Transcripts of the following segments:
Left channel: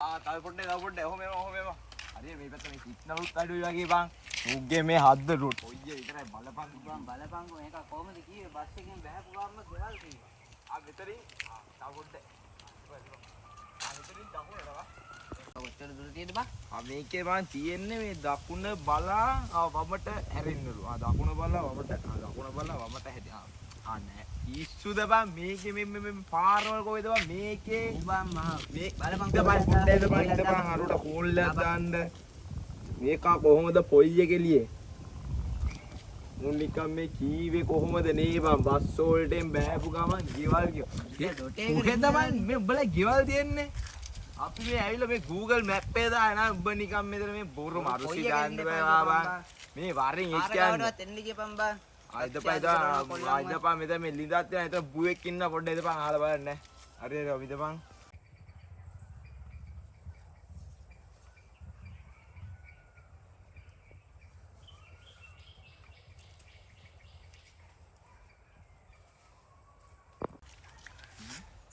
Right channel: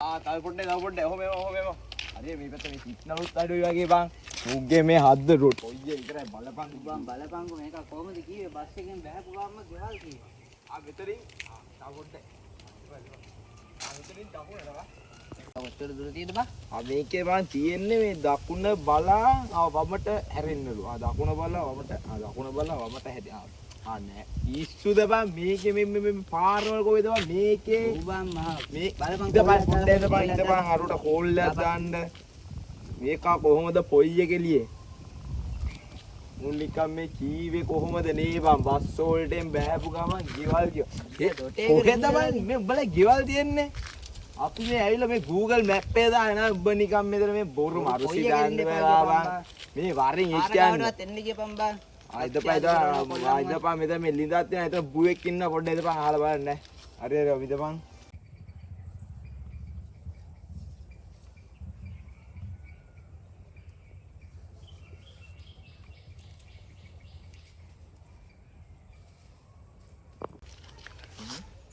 තව පොඩ්ඩේ ඔහොම හරි මේ පැත්ත මේ සිග්නලුත් අඩුයි වගේ බං උගේ මේ හද්ද රොට් ඔයියේ ඉතරයි බලපං බලපංගු මේක කොහොමද කිව්වේ බස් එකෙන් බහැපු ගාම ගෙවල් කිව්වා. මෙතනින් තව පොඩ්ඩේ මෙතනින් දකුණටවා කොච්චර දුර තියෙද බං? මේකේ බං තියෙන්නේ මේ දකුණ බලා වමට හැරෙන්නලු. දකුණ බලා වමට දකුණ බලා වමට හැරෙන්න. නෑ ඉස්සුද බං මේකේ මේ පාරවල කොහෙද බං මේකේ උඹන් මහ මේ බලපං පොඩ්ඩේ ඉඳපන් හරුට කෝල් එකක් දාන්න මේක කොහොමද පොයි එකෙලියේ මුන් නිකන් මේ කීවේ කොහොමද නේ බං බස් වලටෙන් බෑපු ගමන් ගෙවල් කොහෙද බං මේ උඹලා ගෙවල් තියන්නේ අපි මේ ඇවිල්ලා මේ Google Map එකේ දාන උඹ නිකන් මෙතන මේ බොරු මරුසි දාන්න බෑ බං මේ වරෙන් ඉස්කන්නේ එන්න ගියපන් බං. ආයිදපා මෙතන මේ ලින්දක් තියන එතන බුවෙක් ඉන්න පොඩ්ඩක් ඉඳපන් අහලා බලන්න හරි ඉඳපන්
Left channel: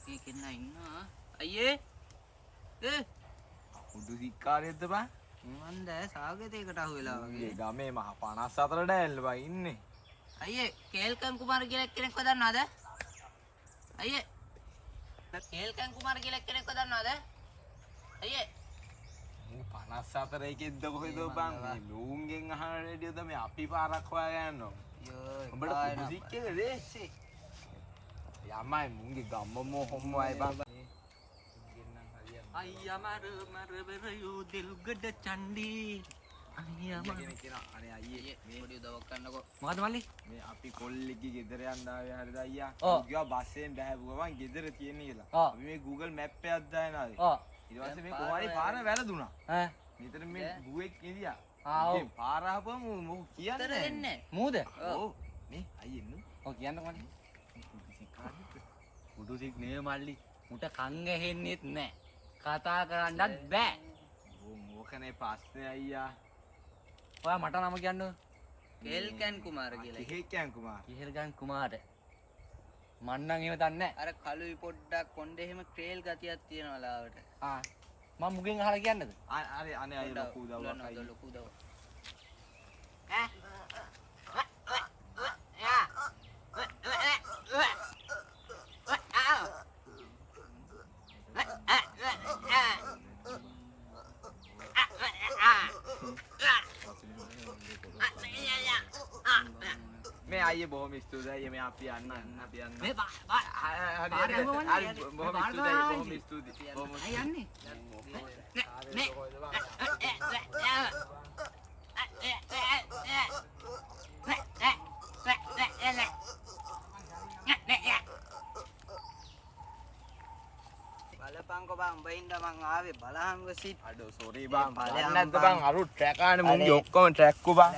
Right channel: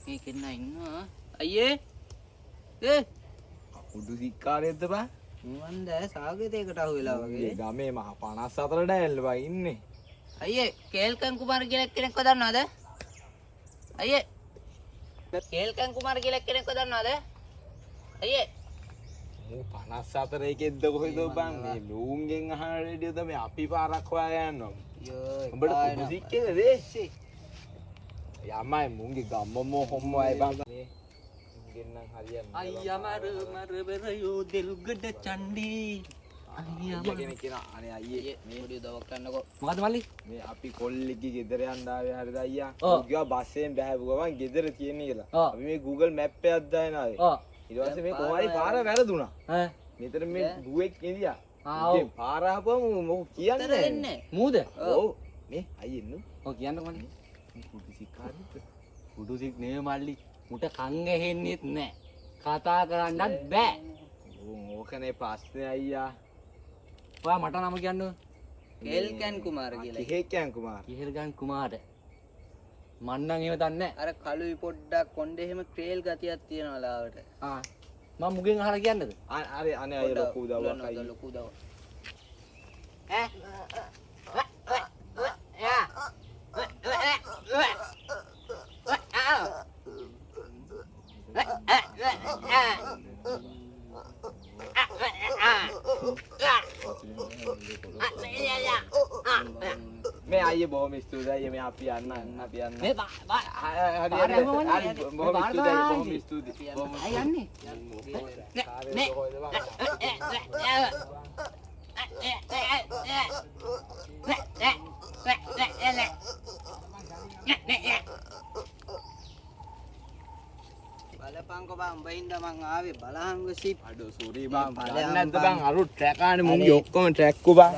මේකෙන් ඉන්නවා අයියේ උඩු සික්කාරයක්ද බං මන් දැ සාගතයකට අහු වෙලා වගේ ගමේ මහ 54ට ඇල්ල බං ඉන්නේ අයියේ කේල්කන් කුමාර කියලා කෙනෙක්ව දන්නවද? අයියේ කේල්කන් කුමාර කියලා කෙනෙක්ව දන්නවද? අයියේ මූ 54 එකෙද්ද කොහෙද බං මේ ලූන්ගෙන් අහන රේඩියෝ තමයි අපි පාරක් හොයාගෙන යනවා උඹට කුඩු සික්කේද දේශේ යමයි මුන්ගේ ගම්ම හොම්මයි බං ගෙන්නම් හරියන්නේ අයියා මර බරයෝ දෙල්ගඩ චණ්ඩී අයියා කෙනෙක් කියන අනේ අයියේ මේ පොඩි උදව්වක් කරන්නකෝ. මොකද මල්ලි? මේ අපි කොල්ලෙක්ගේ ගෙදර යන්න ආවේ හරිද අයියා? ගියා බස්යෙන් බෑවු ගමන් ගෙදර තියෙන කියලා. අපි මේ Google Map එකක් දාගෙන ආවේ. ඊට පස්සේ මේ කොහරි පාර වැරදුනා. ඈ මෙතන මේ බුවෙක් ඉඳියා. ඉතින් පාර ආපුවම මොකක් කියන්නේ දෙන්නේ. මූද? ඔව්. මේ අයියේ නු. ඔය කියන්නකෝ මල්ලි. කුඩු සිකාරිද? කුඩුසික් නේ මල්ලි. මුට කන් ඇහෙන්නෙත් නෑ. කතා කරන්නත් බෑ. ඕකනේ ප්‍රශ්නේ අයියා. ඔයා මට නම කියන්න. කේල්කන් කුමාර කියලා. කිහෙක්යන් කුමාර. කිහෙල්ගන් කුමාර. මන් නම් ඒව දන්නේ නෑ. අර කළුයි පොඩ්ඩක් කොණ්ඩේ එහෙම ක්‍රේල් ගතියක් තියෙනවා ලාවට. මම මුගෙන් අහලා කියන්නද? අනේ අනේ අය ලොකු උදව්වක් අයියා. ලොකු උදව්වක්. මේ අයියේ බොහොම ස්තුතියි අයියේ මේ අපි යන්න මේ හරි බොහොම ස්තුතියි බොහොම අය යන්නේ. බලපංකො බං උඹින්ද මං ආවේ බලහංග සිප් අඩෝ සෝරි බං බලන්න නැද්ද බං අරු ට්‍රැක් ආනේ මුන්ගේ ඔක්කොම ට්‍රැක් කෝ බං